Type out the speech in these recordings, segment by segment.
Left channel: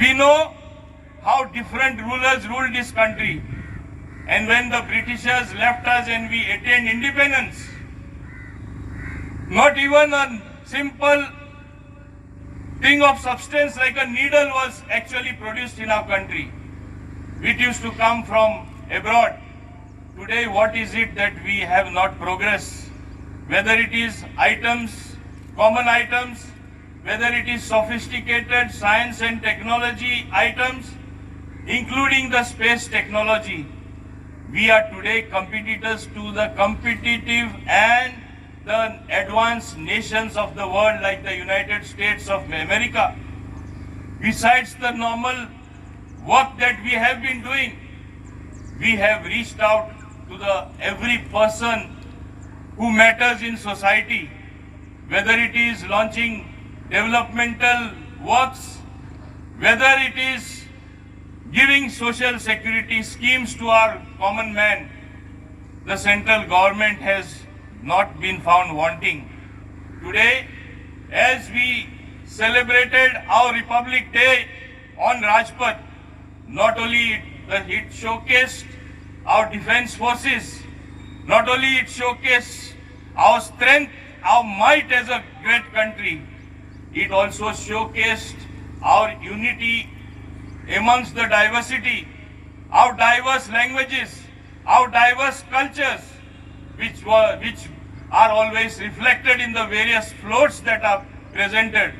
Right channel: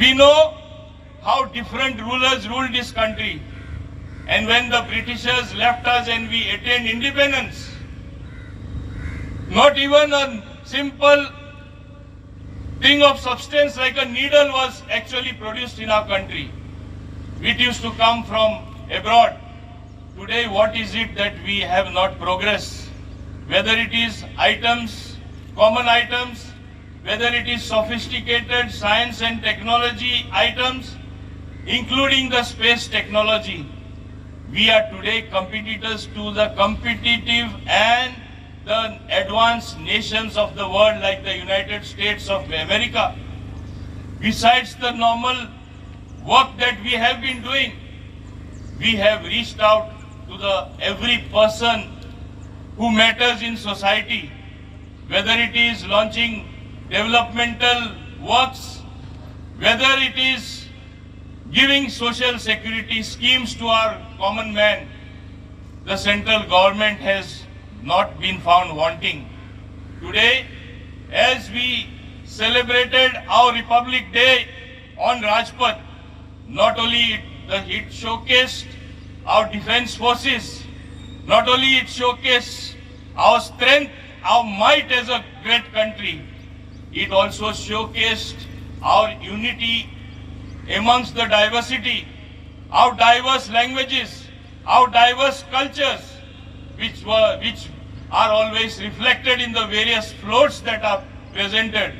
We know how different rulers ruled this country. And when the Britishers left us and we attained independence, not even a simple thing of substance like a needle was actually produced in our country. It used to come from abroad. Today, what is it that we have not progressed? Whether it is items, common items, whether it is sophisticated science and technology items, including the space technology, we are today competitors to the competitive and the advanced nations of the world like the United States of America. Besides the normal work that we have been doing, we have reached out to every person who matters in society, whether it is launching developmental works, whether it is giving social security schemes to our common man. The central government has not been found wanting. Today, as we celebrated our Republic Day on Rajpath, not only it showcased our defense forces, not only it showcased our strength, our might as a great country, it also showcased our unity amongst the diversity, our diverse languages, our diverse cultures, which are always reflected in the various floats that are presented.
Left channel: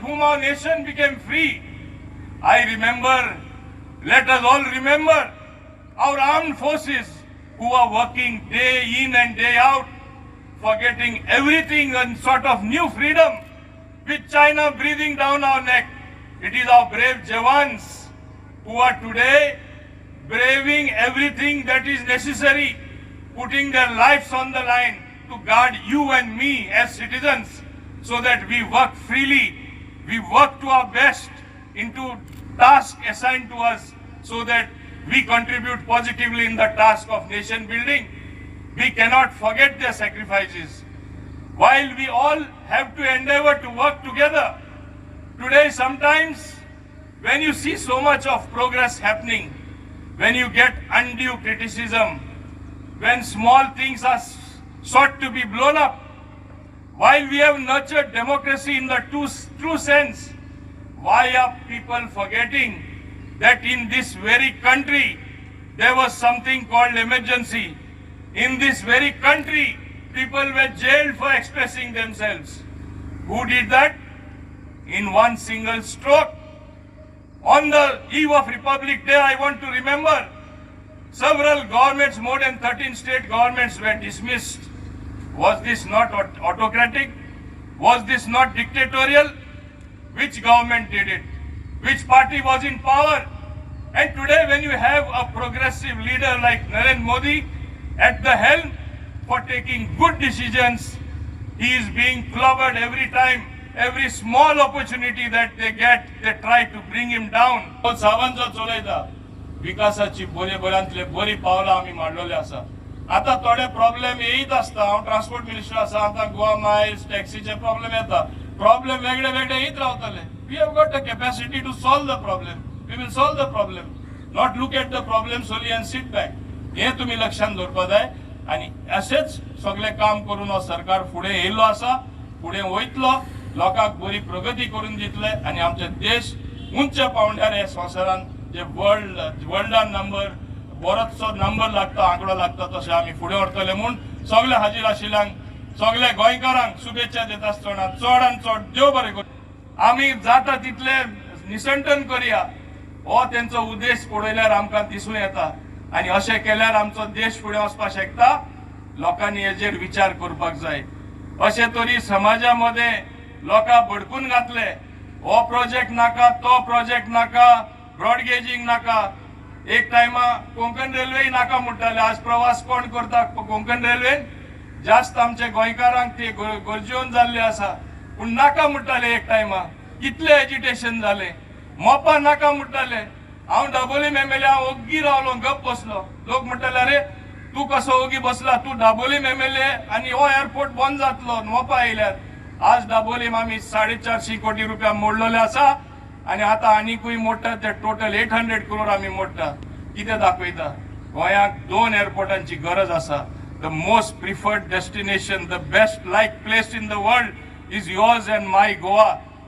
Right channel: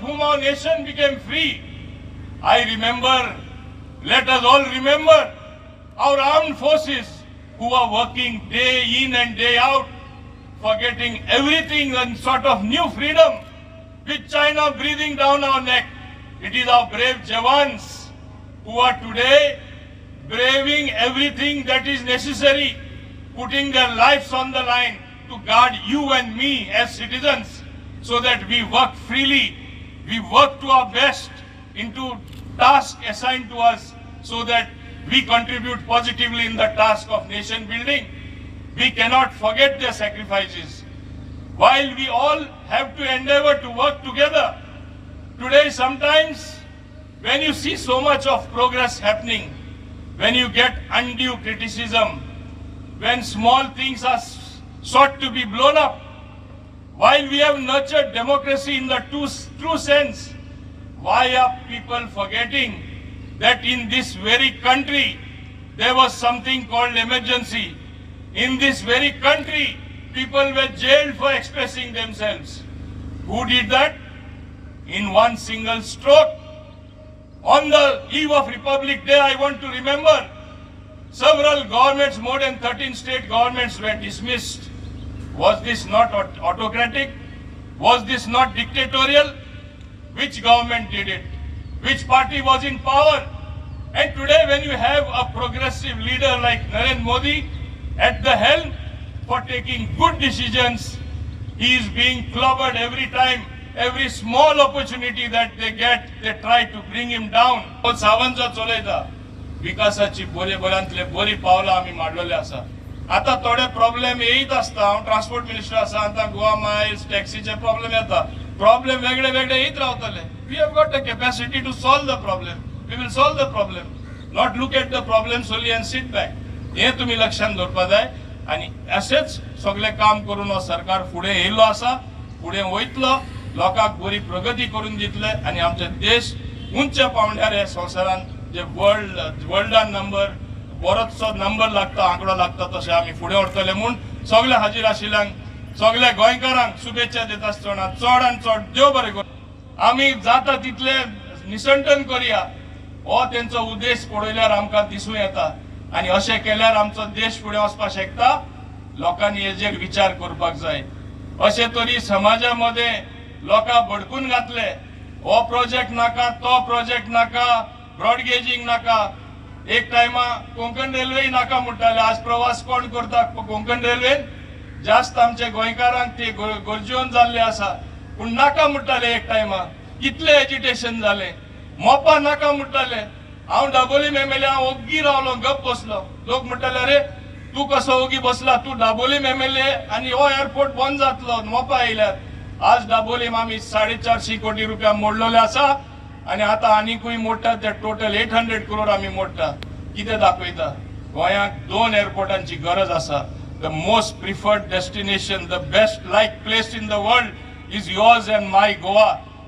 Whom our nation became free. I remember, let us all remember our armed forces who are working day in and day out, forgetting everything in sort of new freedom, with China breathing down our neck. It is our brave Jawans who are today braving everything that is necessary, putting their lives on the line to guard you and me as citizens, so that we work freely, we work to our best into tasks assigned to us, so that we contribute positively in the task of nation building. We cannot forget their sacrifices. While we all have to endeavor to work together, today sometimes when you see so much of progress happening, when you get undue criticism, when small things are sought to be blown up, while we have nurtured democracy in the true sense, why are people forgetting that in this very country there was something called emergency? In this very country, people were jailed for expressing themselves. Who did that? In one single stroke. On the eve of Republic Day, I want to remember, several governments, more than 13 state governments were dismissed. Was this not autocratic? Was this not dictatorial? Which government did it? Which party was in power? And today when you have a progressive leader like Narendra Modi at the helm for taking good decisions, he is being clobbered every time. Every small opportunity that they get, they try to bring him down. Sawant चलयता विकासाची बऱ्यांतले बरी पावलां आमी मारलेले आसा. आता थोडे problem येयत आसता. हांव ट्रान्सपोर्ट मिनिस्टर आसा. आता गोवा मायल्स टॅक्सीचे प्रॉब्लेम येता. प्रॉब्लेम वेगळे वेगळे येत रावतले. We have got the capacity to solve the problem. We will solve the problem. Not look at the problems only and sit back. हे तुम्ही लक्षात दवरपा जाय. आणि असेच सगळे काम करून हो सरकार फुडें येयलो आसा. फुडें वयतलो. लोकांक बरी प्रगती करून दितले आणि आमचे देश उंच पावंड्यार हे संवसारान जे वर्ल्डान नंबर बरोचसो नंबर लागता आंकडो लागता तशें आमी फुडें व्हरतले म्हूण सगळ्या हाजीर आशिल्ल्यांक सगळ्या गोंयकारांक शुभेच्छा दिता आसतना चड आनी चड देव बरें करूं. आमी जाता तितले निसंटन करया हो तेंचो उद्देश पळयल्यार आमकां दिसूं येता आनी अशें केल्यार आमचो देश फुडें वचपाक शकता. लोकांनी हेजेर विचार करपाक जाय. अशे तरी समाजा मध्ये लोकां भडकून घातले. हो प्रोजेक्ट नाका, तो प्रोजेक्ट नाका, ब्रॉडगेजिंग नाका. एक टायमा कोंकण रेल्वे नाका म्हणटाले. आज प्रवास कोण करता कोंकण रेल्वेन? जास्त आमचे गोंयकारांक ते गरजेवन जाल्ले आसा. पूण नाका म्हणटाले एक टायमा. कितले एजिटेशन जाले. मोपा नाका म्हणटाले. हांव दाबोलीम एमएलए हांव ओग्गी रावलो गप बसलो. लोक म्हणटाले अरे तू कसो ओगी बसला, तू दाबोलीम एमएलए आनी हो एअरपोर्ट बंद जातलो मोपा येयल्यार. आज दाबोलीम आमी 450 कोटी रुपया मोडलेले आसा. आणि आता आनीकूय मोडटा ते टोटल 800 करोड आम्ही मोडटा. कितें दाखयता गोंयाक 2 एअरपोर्टांची गरज आसा. The most preferred destination, the best like place in the world is yours and my Goa.